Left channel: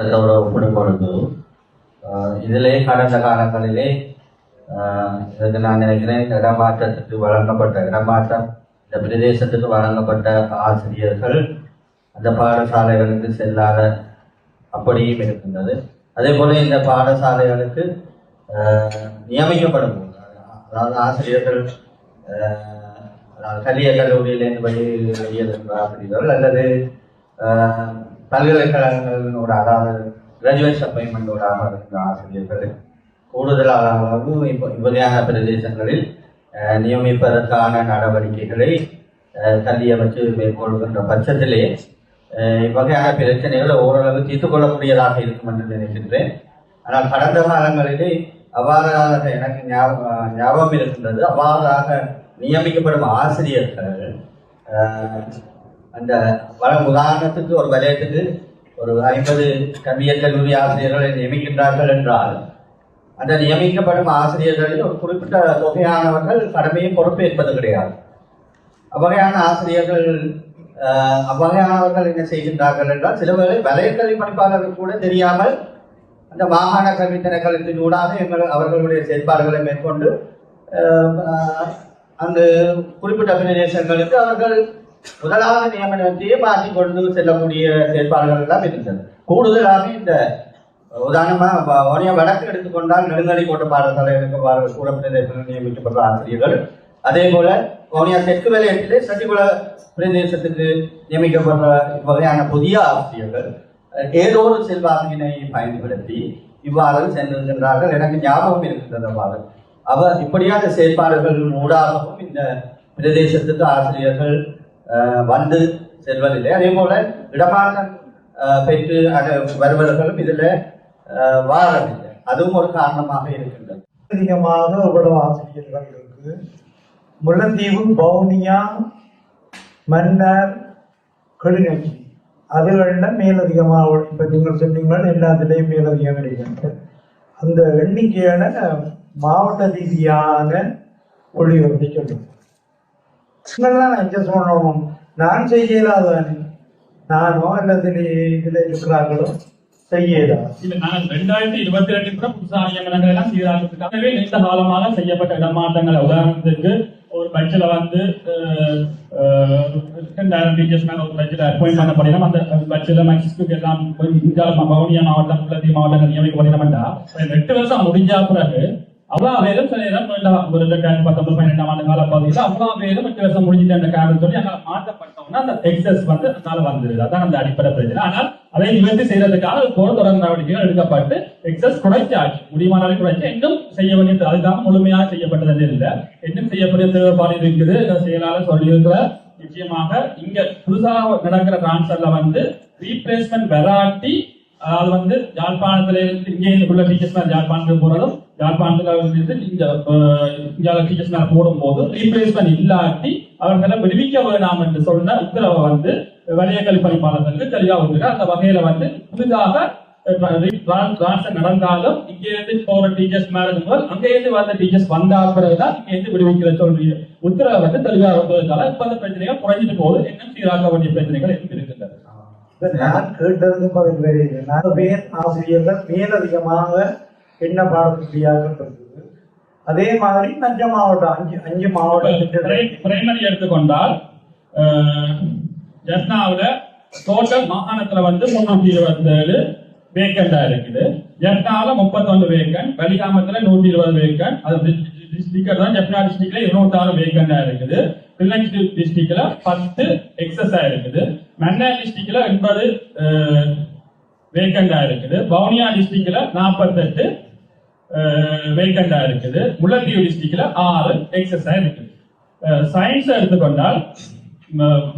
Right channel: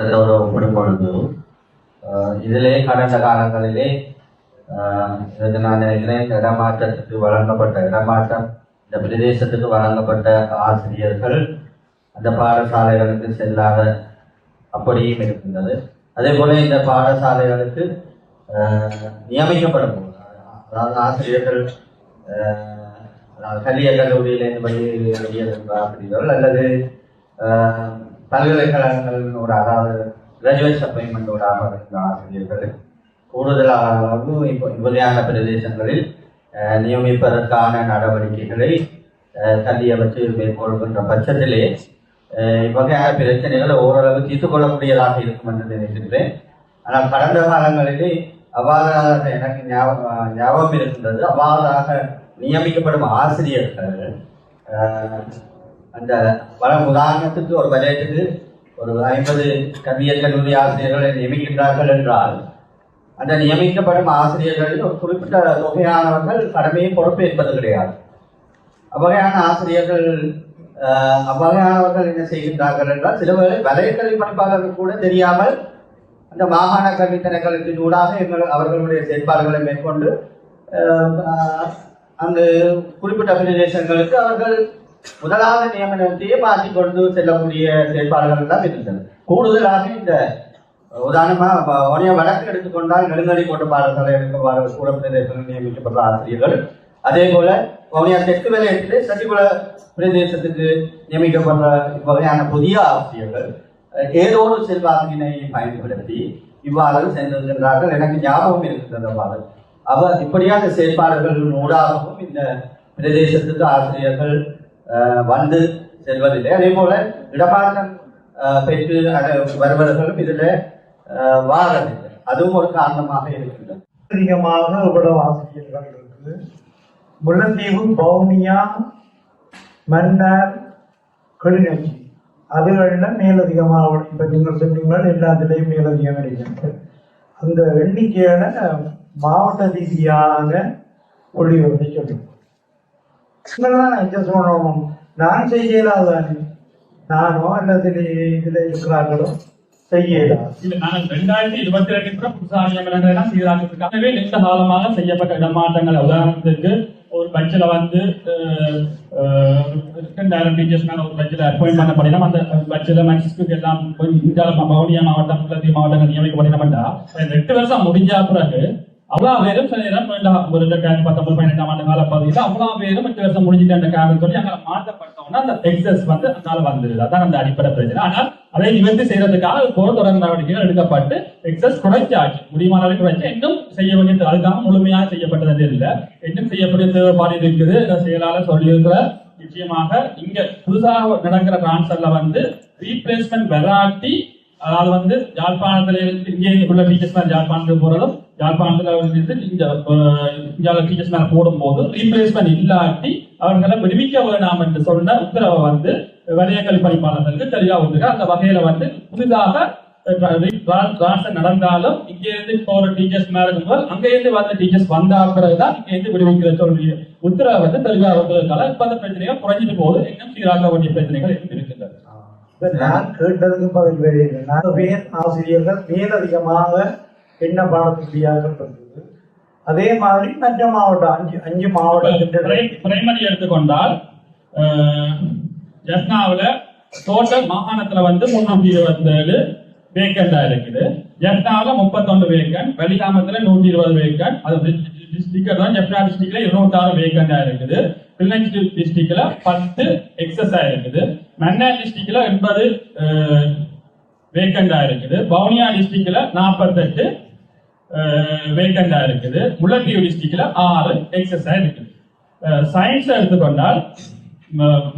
அதோட ஒப்பிடும் பொழுது இதிலே கடந்த காலங்களிலே ஆஹ் நான் நினைக்கிறேன் இடமாற்றத்துக்கு வழங்கப்பட்ட இடமாற்றம் இந்த பிரதேசத்துக்கு வழங்கப்பட்ட ஆசிரியர்கள் அந்த பாடசாலைகளுக்கு செல்லாத அப்படியும் இருக்கின்றது. அதே போல இந்த பாடசாலைகளுக்கு நியமிக்கப்படும். அதாவது ஆசிரியர்கள் ஆஹ் அதாவது கல்விய கல்லூரியிலிருந்து வெளியே ஆசிரியர்கள் அல்லது பல்கலைக்கழகங்களோட அதாவது கிராஜுவேட் அப்பாயின்மெண்டோட இருக்கிற ஆசிரியர்கள். கூடுதலாகவும் இப்போ இவ்வகையான பிரதேசங்களில் நியமிப்பதற்கான நடவடிக்கைகளை தள்ளிய வச்சு மேற்கொள்கின்ற பட்சத்திலே இவ்வகையான பிரச்சனைகளை ஓரளவு தீர்த்துக்கொள்ளக்கூடியதாக இருக்கும் என்று நினைக்கின்றேன். ஆனால் கடந்த காலங்களிலே அவ்வாறாக எனக்கு ஞாபகம் ஞாபகம் இருக்கின்றது. அவ்வாறாக நியமிக்கப்படும் ஆசிரியர்கள் அந்த வளம் உதாரணத்துக்கு ஒரு வலயத்துக்கு ஒரு ஐம்பது கவியல் கல்லூரி ஆசிரியர்களை நியமிக்கின்றார்கள் என்றால் அந்த நியமிக்கப்படும் ஆசிரியர்களில் ஒரு குறிப்பிட்ட தொகையானவர்கள் கடமையை என்பது கிடையாது. அவ்வகையான ஆசிரியர்கள் அவ்வகையானவர்கள் என்ன செய்கின்றார்கள் என்றால் சில வேளை வலைக்கல்வி பணிப்பாளர்கள் கூட தெரியாமல் அந்த மாகாண கல்வி ஊடாக எங்கள் அவர்களுடைய செயற்பாடுகளை மேற்கொண்டு அங்கு குறிப்பிட்ட பிரதேசங்களுக்கு அவர்கள் முதலாவது நியமனத்தையே மாற்றிக் கொண்டு செல்லக்கூடிய செயற்பாடுகள் எல்லாம் இருந்தது கூடுதலாக இந்த உதாரணமாக ஒரே வழக்கு எடுத்துக்கொண்டால் நெடுங்கடி கோட்ட கூடப்பிரதேசங்கள் கூட நியமிக்கப்பட்ட ஆசிரியர்கள். அதே போல வவுனியா தெற்கு வலயத்திலே சசிகுல பிரதேசத்துக்கு நியமிக்கப்பட்ட வகையான புதிய ஆசிரியர்கள் ஏதோ ஒரு செல்வாக்கினை பயன்படுத்தி இவ்வாறு சென்றிருக்கிறார்கள் எனக்கு ஞாபகம் இருக்கின்றது அவ்வாறு. அவர் இப்படியான செயற்பாடுகள் ஊடாகவும் இந்த பிரதேசத்துக்கு ஆசிரியர்கள் வந்து செல்வதில்லை. அதே போல இடமாற்றம் பெற்று வருபவர்களும் இதில் வாரதில்லை அதுவும் ஒரு காரணமாக இருக்கின்றது. அதிகமாக இவ்வளவு ஆசிரியர்கள் இருக்கு முல்லைத்தீவு பவுனியா மன்னார் கிளிநொச்சி அதுகளில் மேலதிகமாக இப்போ நீங்கள் சொன்னீங்கள் எல்லாத்துலேயும் மேலதிகம் இருக்கின்றது. அந்த எண்ணிக்கையான மாவட்ட ரீதியான ஒளிவத்தை சொல்லுங்கள் தான் அட்ஜஸ்ட் பண்ணணும் நான் செய்யலாதானே நானோ அல்லது இதில் இருக்கிறார்களோ? செய்யலாம் இல்ல நான் ரெண்டாயிரத்தி இருபத்தி ரெண்டு கூட புதுசா நியமனங்கள் எல்லாம் சீராக்கிட்டு நீண்ட காலமாக செய்யப்பட்ட இடமாற்றங்கள். உதாரணத்துக்கு ஒரு பட்ஜெட்ல வந்து அஹ், அஹ், ரெண்டாயிரம் டீச்சர்ஸ் மேல ஒரு பட்ஜெட் அப்பாயிண்ட் பண்ண பண்ணிடும் அந்த பட்ஜெட்ல மேக்ஸிஸ்க்கு எல்லாம் இந்தியாவில் வவுனியா மாவட்டம் குளத்தி மாவட்டங்கள் நியமிக்கப்பட்டிருந்தா ரெண்டு வருஷம் முடிஞ்ச பிறகு அவ்வளோ பேரும் சில நேரம் ஒரு ரெண்டாயிரத்தி பத்தொன்பது பதினெட்டாம் ஆண்டு கால பகுதியில் அவ்வளோ பேரும் எட்டு வருஷம் முடிஞ்சிட்டு அந்த காரணம் சொல்லி அங்கே மாற்றப்பட்டோம்னா அந்த எக்ஸஸ் வந்து அதனால வந்துருது அதான் அந்த அடிப்படை பிரச்சனை. ஆனால் அதை நிவர்த்தி செய்யறதுக்காக போர் தொடர் நடவடிக்கைகள் எடுக்கப்பட்டு எக்ஸஸ் குறைச்சாச்சு முடியுமான குறைச்சி குறைச்சு. இன்னும் செய்ய வேண்டியது அதுக்காக முழுமையாக செய்யப்பட்டது இல்லை. இன்னும் செய்யக்கூடிய தேவைப்பாடு இருக்குது. செயலாளர் சொல்லியிருக்கிற நிச்சயமாக இங்க புதுசாக நடக்கிற டிரான்ஸ்ஃபர்ல வந்து ரீப்ளேஸ்மெண்ட் வெராட்டி அதாவது வந்து யாழ்ப்பாணத்துல இங்கே உள்ள டீச்சர்ஸ் மேல யாழ்ப்பாணத்துக்கு போறதும் யாழ்ப்பாணத்துல இருந்து இந்த இந்தியாவில் டீச்சர்ஸ் மேல போடும் போது ரீப்ளேஸ்மெண்ட் இல்லாட்டி அவர்களை விடுவிக்க வேண்டாம் என்று சொன்ன உத்தரவை வந்து வணிகக்கல்வி பணிப்பாளர்களுக்கு தெளிவா வந்திருக்கு. அந்த வகையில வந்து புதிதாக நடந்தாலும் இங்க இருந்து போற டீச்சர்ஸ் மேல இருக்கும்போது அங்க இருந்து வந்த டீச்சர்ஸ் வந்தா பிறகுதான் இங்க இருந்து விடுவிக்கிற சொல்ற உத்தரவை வந்து தெளிவா வந்ததுனால இப்ப அந்த பிரச்சனைகள் குறைஞ்சிட்டு போகுது. இன்னும் சீராக வேண்டிய பிரச்சனைகள் இருக்கு நான் கேட்டதும் பதில் கிடையாது மேல் ஆசிரியர்கள் மேலதிகமாக என்ன பாடத்தியாக இருந்தது அதே மாதிரி மற்ற மாவட்டம் அஞ்சு அஞ்சு மாவட்டம் பிரைமரி எடுத்துக்கொண்டால் ஜஸ்னாவில் டோட்டல் மாகாணத்துல வந்து முன்னூத்தி இருபத்தி ஏழு வேக்கண்டா இருக்குது. ஜஸ்னாவில் முப்பத்தொன்று வேக்கன் வலிகாமத்தில் நூற்றி இருபது வேக்கன் அது டிஸ்ட்ரிக்ட் தான் ஜஸ்னா டிஸ்ட்ரிக்ட்ல இருநூத்தாறு வேக்கண்டா இருக்குது. கிளிநொச்சி டிஸ்ட்ரிக்ட்ல பத்து எக்ஸஸ் இருக்குது. மன்னார் டிஸ்ட்ரிக்ட்ல எண்பது வேக்கண்டா இருக்குது. வவுனியா டிஸ்ட்ரிக்ட்ல நாற்பத்தெட்டு வேக்கண்டா இருக்குது. முல்லைத்தீவு டிஸ்ட்ரிக்ட்ல ஆறு எக்ஸஸா இருக்குது. சயின்ஸ் எடுத்துக்கொண்டால்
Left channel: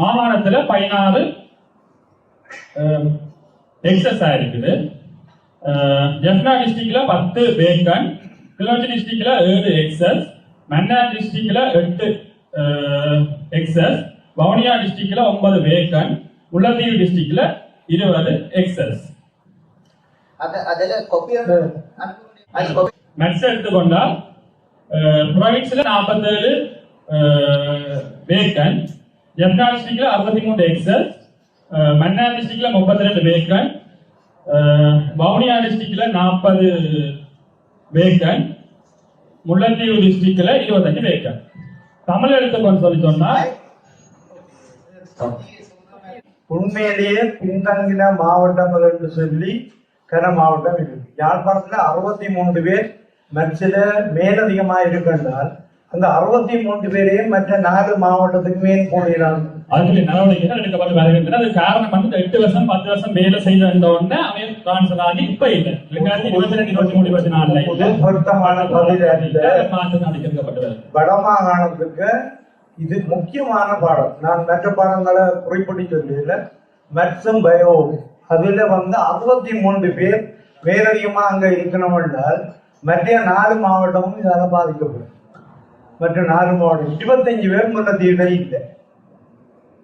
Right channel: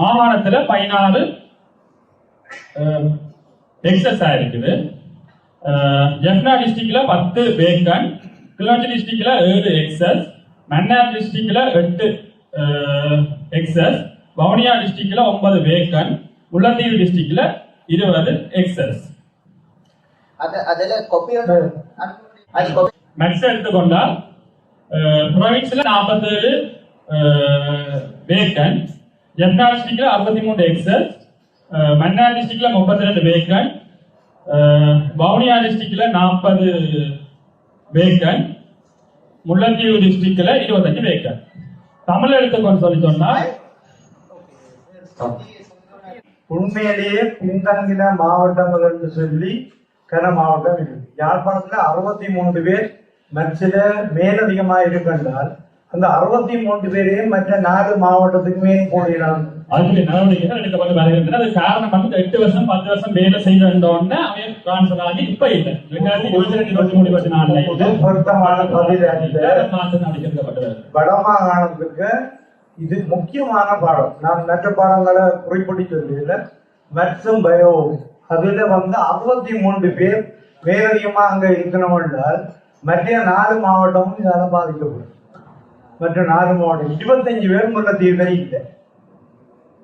மாகாணத்துல பதினாறு எக்ஸஸ் இருக்குது. ஜெஃப்னா டிஸ்ட்ரிக்ட்ல பத்து வேக்கன் கிளிநொச்சி டிஸ்ட்ரிக்ட்ல ஏழு எக்ஸஸ் மன்னார் டிஸ்ட்ரிக்ட்ல எட்டு எக்ஸஸ் வவுனியா டிஸ்ட்ரிக்ட்ல ஒன்பது வேக்கன் முல்லைத்தீவு டிஸ்ட்ரிக்ட்ல இருபது எக்ஸஸ் மெட்ஸ் எடுத்துக்கொண்டால் ப்ரொவின்ஸ்ல நாற்பத்தேழு வேக்கன் ஜெஃப்னா டிஸ்ட்ரிக்ட்ல அறுபத்தி மூணு எக்ஸல் மன்னார் டிஸ்ட்ரிக்ட்ல முப்பத்தி ரெண்டு வேக்கன் வவுனியா டிஸ்ட்ரிக்ட்ல நாற்பது வேக்கன் முல்லைத்தீவு டிஸ்ட்ரிக்ட்ல இருபத்தஞ்சு வேக்கன் தமிழ் எடுத்துக்கொண்டு சொல்லி சொன்னா உண்மையிலேயே பின்தங்கின மாவட்டங்கள் என்று சொல்லி கன மாவட்டம் இருக்கு யாழ்ப்பாணத்துல அறுபத்தி மூன்று பேர் மற்ற மேலதிகமாக இருக்கின்றால் அந்த அறுபத்தி மூன்று பேரையும் மற்ற நாலு மாவட்டத்துக்கு மேல் போடுகிறாங்க அதுக்கு எடுக்கப்பட்டு அது காரணம் வந்து எட்டு வருஷம் பத்து வருஷம் வேலை செய்து வந்த உடனே அவன் டிரான்ஸ்ஃபர் ஆகி இப்ப இல்லை. ரெண்டாயிரத்தி இருபத்தி ரெண்டு இருபத்தி மூணு இருபத்தி நாலுல புது பொருத்தமான பதில் அந்த மாற்றம் அளிக்கப்பட்டு வருது வடமாகாணத்துக்கு இது முக்கியமான பாடம். நான் மற்ற பாடங்களை குறிப்பிட்டு சொல்லல. மற்றும் பயோ அதுல வந்து அறுபத்தி மூன்று பேர் மேலதிகமா அங்க இருக்கணும் என்றால் மற்ற நாலு மாவட்டமும் இதால பாதிக்கப்படும். மற்ற நாலு மாவட்டம் இருபத்தஞ்சு பேர் முன்னத்தீவிர இல்லை.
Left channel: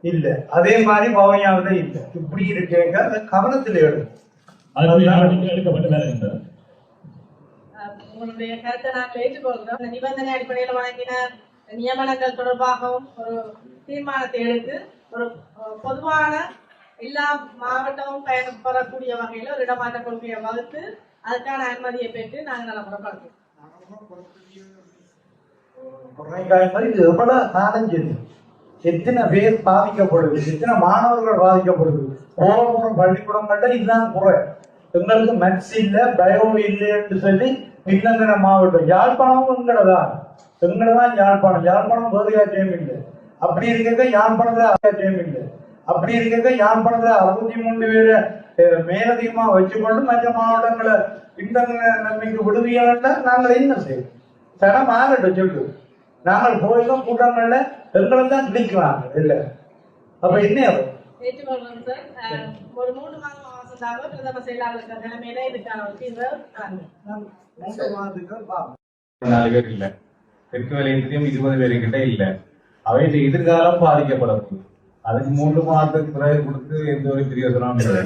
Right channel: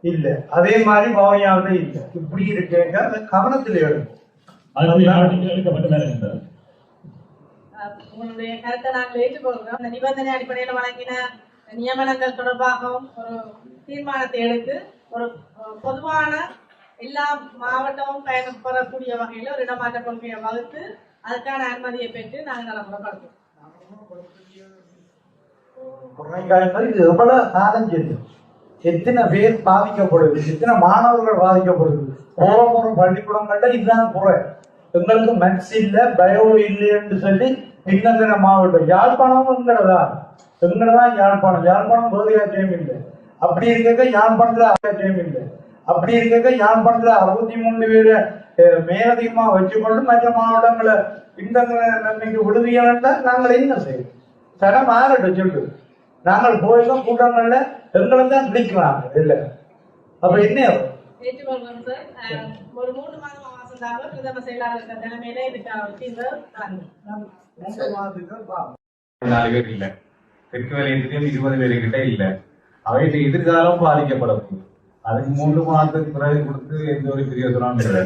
இல்ல. அதே மாதிரி பவனியாவில் இல்லை. இப்படி இருக்கேங்க. கவனத்தில் எடுக்கும் உங்களுடைய கருத்தை நாங்கள் ஏற்றுக்கொள்கிறோம். நிபந்தனை அடிப்படையில் வழங்கின நியமனங்கள் தொடர்பாகவும் ஒரு தீர்மானத்தை எடுத்து ஒரு பொதுவான எல்லா மாவட்டமும் பயணப்படக்கூடிய வகையில் ஒரு இடமாற்ற கொள்கையை வகுத்து அதுக்கான அனுமதியை பெற்று நாங்கள் நல்ல குறைகாலங்கள் இது எவ்வளவு எத்தனை பேர் பாதிக்கப்படுது எத்தனை மாணவர்கள் பாதிக்கப்படுது. கோலபுரம் பள்ளிக்கூடங்கள்ல இதுதான் குறை. எங்களுக்கு மேக்ஸ் இல்ல பயோ இல்லை என்று சொல்லி பின்னங்கிற மாவட்டம். யாழ்ப்பாணமும் எங்களதான். எங்களதான் யாழ்ப்பாணம். யாழ்ப்பாணம் யாத்திரையும் இல்லை. அப்படி இருக்க யாழ்ப்பாணத்துல யாத்திரையும் இல்லை. அப்படி இருக்க யாழ்ப்பாணத்துல அறுபத்தி மூணு பேரு மேலதிகமா வச்சுக்கொண்டு மற்ற மாவட்டங்களை பின்தங்கிற நிலைமைக்கு விடுவியாண்டா நாங்கள் என்ன செய்வோம்? தரம் மாறட்டும் சொல்லு நாங்கள் போயிருக்கோம் கூட்டங்கள்ல எங்களை தான் பிடிக்கிறாங்க இல்ல. அப்ப என்ன ஆகும்? ஏற்றுக்கொள்கிறோம் சார். ஒரு மூன்று மாதம் பிரதம செயலாளர் தலைமையில இதுக்கான ஒரு தீர்வு வழங்கும் நாலு பேர் இல்ல. தெற்கு வலயத்திலும் இருபது பேர்கிட்ட இல்லை. இல்ல அவையின் எதிர்காலம் பாதிக்கப்பட அதுக்கு மூன்று மாதத்துக்கு பிறகு கொடுத்து எந்த ஒரு பிரியோசனம் இல்லை.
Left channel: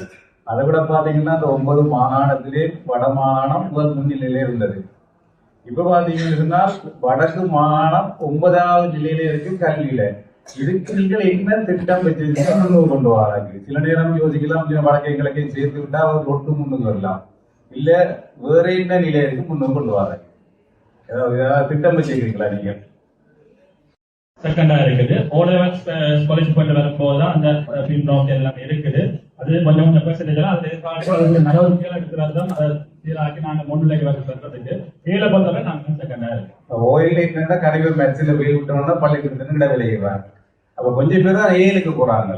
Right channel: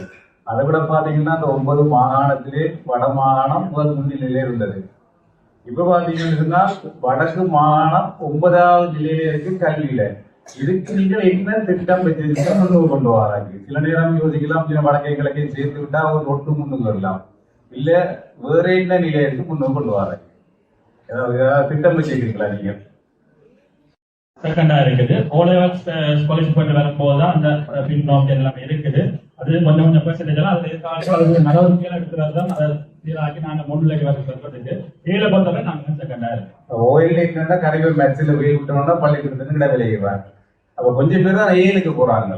அதை விட பாத்தீங்கன்னா அந்த ஒன்பது மாகாணத்திலே வட மாகாணம் முதல் முன்னிலையிலே இருந்தது. இப்ப பாத்தீங்கன்னா வடக்கு மாகாணம் ஒன்பதாவது நிலையிலிருந்து கல்வியில இதுக்கு நீங்க என்ன திட்டம் வச்சிருக்கீங்க கொண்டு வராங்க சில நேரம் யோசிக்கலாம் சில வழக்கை கிழக்கை சேர்த்து விட்டா அவர் ஒட்டு முன்னுக்கு வரலாம். இல்ல வேற என்ன நிலையத்துக்கு முன்னுக்கு கொண்டு வராங்க திட்டம் வச்சிருக்கீங்களா நீங்க? செகண்டா இருக்குது. ஓலெவல் ஸ்காலர்ஷிப் பண்ணி வரும்போது தான் அந்த பின்னோக்கி எல்லாம் இருக்குது. அது கொஞ்சம் கொஞ்சம் பெர்சன்டேஜ் எல்லாம் அதுல நடவடிக்கைகள் எடுக்கிறது தான் அதை சீராக்கி நாங்க முன்னிலைக்கு வர சொல்றதுக்கு. கீழே பொறுத்தவரை நாங்க செகண்டா இருக்கு ஓயில் என்னன்னா கரைவர் மேட்சில் வெயில் விட்டோம்னா பள்ளிக்கூடத்துக்கு கிட விளையிடுறாங்க அப்ப கொஞ்சம் பேர் தான் ஏழுக்கு போறாங்க.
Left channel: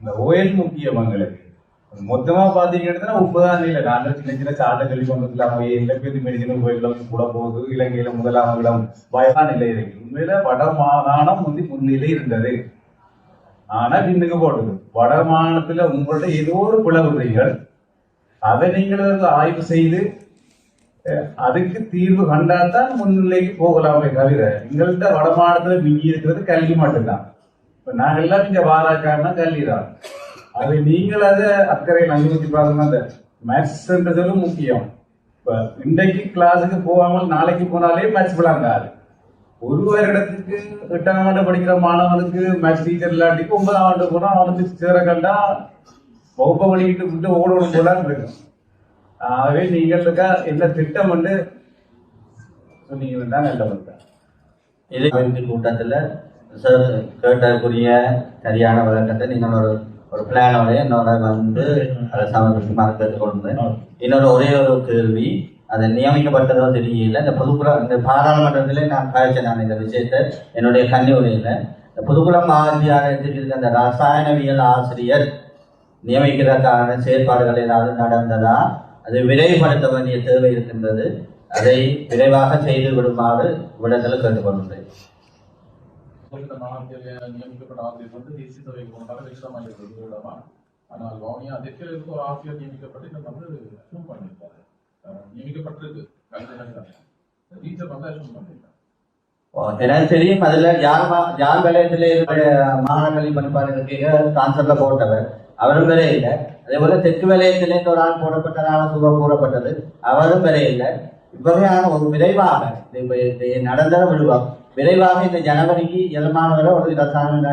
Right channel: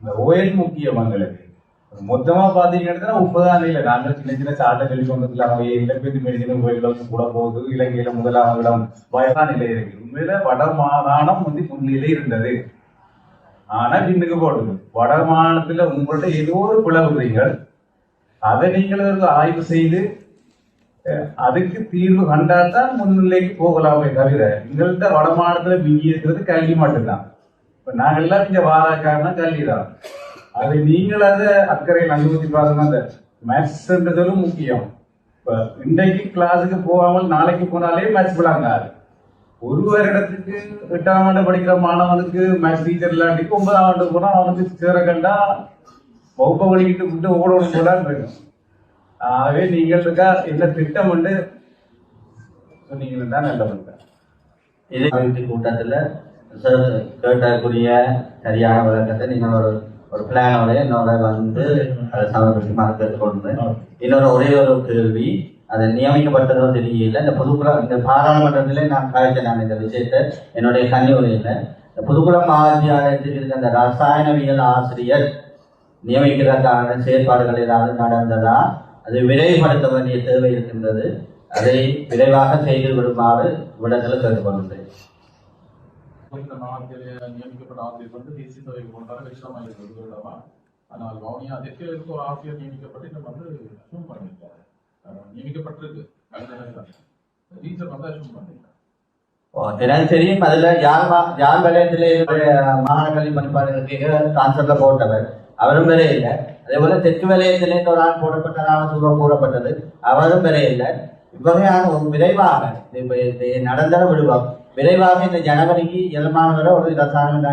இந்த ஓயில் முக்கியம் எங்களுக்கு மொத்தமா பாத்தீங்கன்னா முப்பதாம் நிலை நாங்கள் சின்ன சின்ன சாட்டை சொல்லி கொண்டு இலக்கிய மெடிசன் கோயில்களுக்கு கூட போகுது இலங்கையில முதலாம் இடம் வயதான நிலை இருக்கு உண்மையில வட மாகாணம் வந்து முன்னிலை இருந்தது ஆனா பின்னுக்கு போடுது வட மாகாணத்துல உங்கள்ட்ட ஏதோ ஒரு பிளவுறீங்கள் அதை நீங்கள் வந்து ஆய்வு செய்து அஹ், அதுக்கு தீர்வு கண்டாதான் முன்னிலைக்கு போகலாமே தவிர எங்கள்கிட்ட வடமாநிலத்துல மிஞ்சி இருக்கிறது கல்வி மட்டும்தான் இப்ப நாங்க எல்லாம் இங்க வாராக்காரனா கல்வி தான் அது நீங்கள் அதை அக்கறையில் அனுமதி பாருங்க. அந்த மேத்ஸ்ன்றதும் முக்கியம். இப்ப இன்றைக்கு கிளாஸுக்கு போகாமல் நாளைக்கு போனாலே மேத்ஸ் விளாங்காது. ஒரு வருடத்துக்கு எட்டாம் ஆண்டு படிக்கிற மாணவனுக்கு மேத்ஸ் டீச்சர் இல்லாட்டிக்கு ஒன்பதாம் ஆண்டு போனா அவனுக்கு சேர கண்டா வகுப்பை வழிகிட்டு விட்டு ஓடணும் போல வேணும் ஆகவே நீங்கள் இருக்கா என்ன திட்டம் வந்து சொன்னீங்கன்னா நல்ல இருக்கா இது கூட்டத்தில் கேட்டக்கூடிய சரியான விளக்கத்தை நீங்கள் ஒரு பிளானோட என்னோட வந்து அதை சமர்ப்பிக்குமாறு கேட்டுக்கொண்டு இன்னொரு ஒரே ஒரு கேள்வி அது நியமிக்கப்பட்டதோ தெரியல. இந்த புதுக்குளம் இந்த பாராளுமன்றத்திலே நான் காய்ச்ச நான் இந்த விஷயத்தை என்னுடைய கல்லூரியில் இந்த புதுக்குளம் மாவட்டியாளத்துக்கு இருக்க அந்த ரசாயனவியல் ஆசிரியர் நியமிக்கிறதுக்கான செயற்பாடுகள் ஏதாவது நடந்ததா? அதை விரைவுபடுத்த வேண்டிய தேவை இருக்கின்றது. அதை விரைவாக செய்து விடுமாறு விடத்தில் கேட்டுக்கொள்கிறேன் இந்த மாவட்டத்தில் நியமிக்கப்பட்ட ஆசிரியர் வந்து தேசிய சபைக்கு போனாலும் விஷயமாக இருக்கிறது விடமா ஆனால் வவுனியா அதற்கு இருக்க ஒரு ஆசிரியர் நியமிக்கப்பட்டு இதை வந்து அசூம் பண்ணியிருக்காரு அஹ் நியமிக்கப்பட்டிருக்கு டீச்சர் வந்து அசூம் பண்ணியிருக்காரு ஓ, தெரியும் அதுல யார் மா- யார் வலயத்திலே மாகாண கல்வி போட்டவர் அவரும் வேற இல்லை அதே போல தெற்கு வலயத்திலே இந்த ஒரு ஆள் போடப்பட்டதாக சொல்ல கூறப்பட்டது அவரும் வேற இல்லை இவ்வகையான ஒரு விரைவாக நடந்த விடுவார் விரைவாக இந்த ஜனவரிக்கு இளமானவரை ஒரு ரசாயன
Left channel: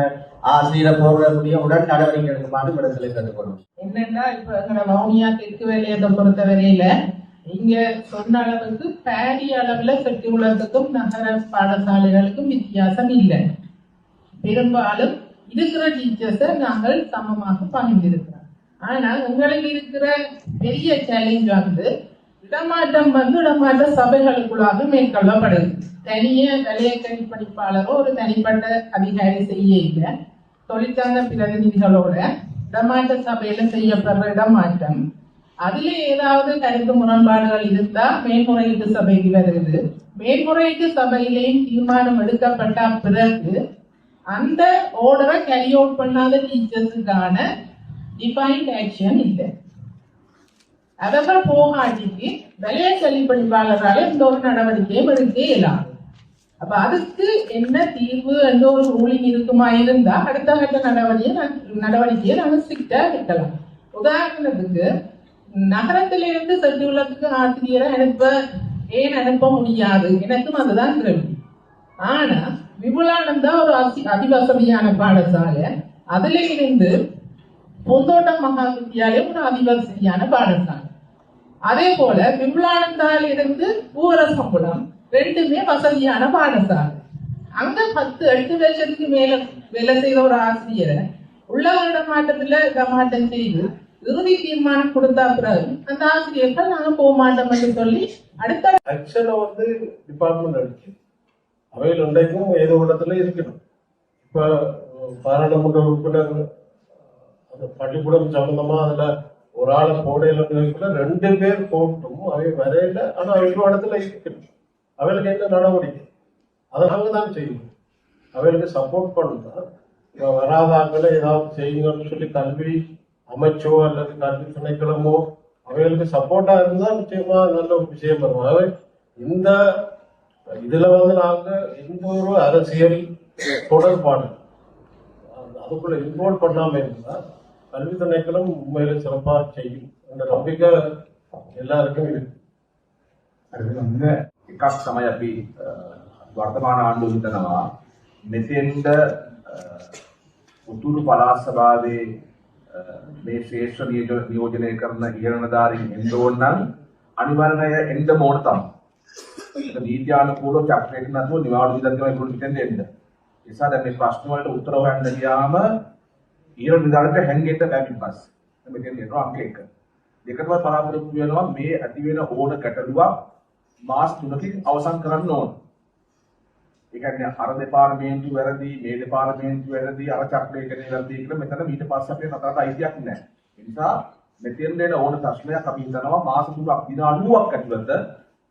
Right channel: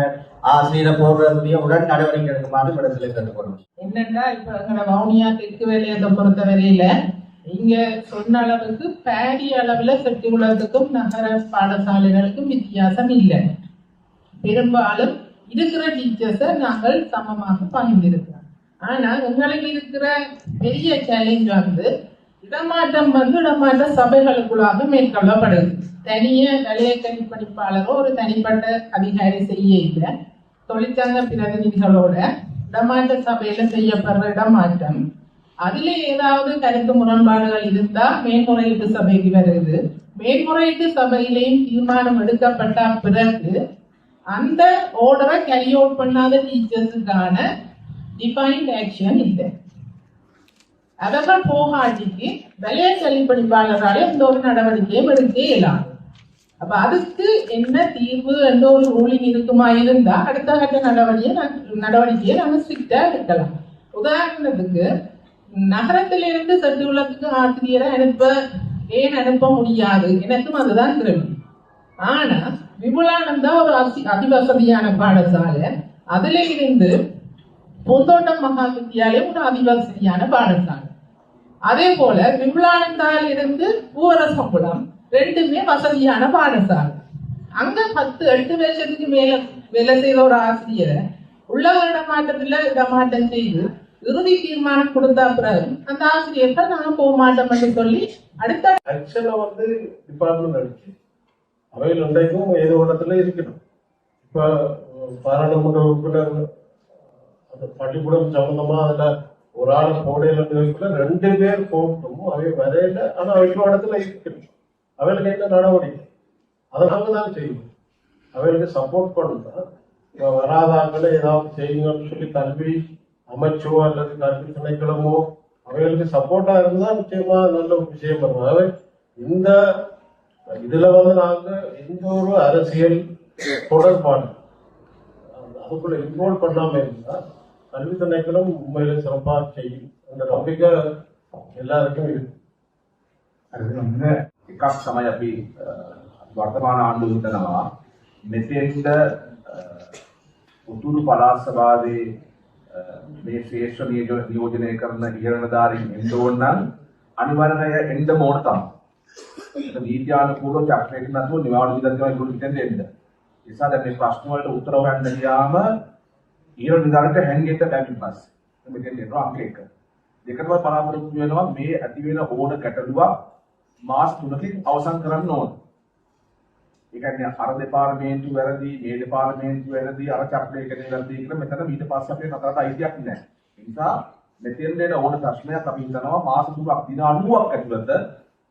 ஆசிரியரை போடுறதுடைய உடன் நடவடிக்கை எடுக்குமாறு விடத்தில் கேட்டுக்கொள்ளும் என்னன்னா இப்ப எங்களோட வவுனியா தெற்கு வேலையத்தை பொறுத்த வரையில இங்க சொன்ன அளவுக்கு பாரி அளவுல செட்டி உலகத்துக்கும் நகர பாடசாலைகளுக்கும் வித்தியாசம் இல்லை. பெரும்பாலும் இருக்கிற டீச்சர்ஸை நாங்கள் சமமாக பகிர்ந்திருக்கிறோம். ஆனா எங்களுக்கு இருக்கிற பெரிய சேலஞ்ச் வந்து இடமாற்றம் வந்து இடமாற்ற சபைகளுக்குள்ளாக மேற்கொள்ளப்படுது. தனிய நிலைய கணிப்பணிப்பாளரோ ஒரு தனிப்பட்ட அதிகாரி செய்ய இல்லை. தொழிற்சங்க பிரதிநிதிகளோட இடமாற்ற சபையில செய்யப்படுற இடமாற்றம். அதுல ஏதாவது கருத்து முரண்பாடுகள் இருந்தா மேல்முறையீட்டு சபைக்கு வருது. மேல்முறையீட்டு சபையிலேயும் தீர்மானம் எடுக்கப்பட்ட பிறகு அந்த ஓர்டரை கேரி அவுட் பண்ணாத டீச்சர்ஸுக்கான டிஃபைன்ட் ஆக்ஷன் இல்லை. அவர்கள் போகாட்டிக்கு விலைய செல்லிப்படிப்பாளரால் எந்த ஒரு நடவடிக்கையும் எடுக்க இயலாது. அப்ப அதுக்கு என்ன தீர்வு எந்த ஒரு ரூலிங் இருக்குமா இருந்தா அடுத்த கட்ட நடவடிக்கை நடவடிக்கையை நம்ம ஸ்ட்ரிக்டா எடுக்கலாம். உதாரணத்துக்கு நகரத்திலிருந்து செட்டுள்ளத்துக்கு ஆசிரியரை அனுப்ப ஏன் அனுப்ப முடியாது? எனக்கும் அதுதான் கேள்வி ஆனா விமலானந்தா ஒரு அசி அதிவசதியான பாடசாலை. அதுல இருந்து பொந்தோட்டம் மகா வித்தியாலயம் ஒரு அதிவசதியான பாடசாலை. அதே போல விமலானந்தால இருந்து பூவரசங்குளம் ரெண்டுமே வசதியான பாடசாலை. அங்க பத்து எட்டு வருஷத்துக்கு மேல வேலை செய்த ஒரு ஆசிரியரை உள்ளக இடமாட்டத்துல இடமாட்டம் செய்து இறுதி தீர்மானம் கொடுத்தா பிறகு அந்த ஆசிரியர்கள் நாங்க போக மாட்டோம்னு சொல்லி அடுத்த ஆக்ஷனை வந்து டிபார்ட்மெண்ட் அடிச்சு அவையில் இன்றைக்கும் ஏதோ இடத்துல இருக்கணும். இப்ப பாராளுமன்ற உறுப்பினர் அந்த பள்ளிக்கூடம் சம்பந்தமா அதுல ஒரு ஆளை போடையில ரெண்டு பேர் போட்டும் அவை வரையில ஆனா அவைக்கு இடத்துல இருக்கணும் அவைகளுக்கு என்ன நடவடிக்கை? அதை நாங்க தான் செய்யணும் அவைகளுக்கு சப்போர்ட் பண்ணணும் வராதாங்களே ஏதாவது செய்யுங்கன்னு சொல்லி கல்வி அமைச்சோ அல்லது கல்வி திணைக்களமோ அவைகளுக்கு சப்போர்ட்டா இருந்தா நிச்சயமா நல்ல ஒரு விஷயம் வருவாங்க இந்த இதுல வந்து நாங்க எந்த ஒரு அரசியல் தொடர்பாடு அதுக்குள்ள இன்வால்வ் பண்ணாம இருந்தா கல்வி திணைக்களம் உண்மையில சிறப்பா செய்யும் அந்த நம்பிக்கை எல்லாருக்கும் இருக்கு එකක් තමයි අපි අ, වර්තමාන ආණ්ඩුව හිතනවා මෙතෙන්ට අ, උතුරු පළාත් සභාවේ අ, මේ ශ්‍රේෂ්ඨ නියෝජ- නියෝජනය කරන ඉහළනදාරින් එන්න ඕන නම් අනිවාර්යයෙන්ම එය එන්න ඕන තමයි. ඒක නීත්‍යානුකූලව චක්‍රයක නැතුව නිවාඩු විදර්ශනය ඒගොල්ලෝ පිටෙන් දෙන්න. ඒ නිසා දැන් මේ ප්‍රශ්න වලට උත්තර හොයන්න ගියාම ඉහළ නිලධාරිට හැංගෙන්න බැරි බස්. මෙතෙන් එනවා අංක 1. දෙකම බලාපොරොත්තු වෙනවා මේ ඇති වෙන ඕන ගැටලුවක් මාස් තුනකින් අවසන් කරන්න ඕන. ඒ කියන්නේ අර දෙපාර්තමේන්තු වැරදි මේ දෙපාර්තමේන්තු වැරදි අර චක්‍රයකනේ වැරදි කියලා මෙතන ඊට පස්සේ අපේ නතරට අයිතියක් නැහැ. ඒ නිසා මෙතෙන් දෙන ඕන ප්‍රශ්නයක් අපි හිතනවා මාස තුනක් දින 90ක් ඇතුළත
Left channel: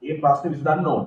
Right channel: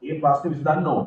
ඒ ප්‍රශ්නේ විසඳන්න ඕන.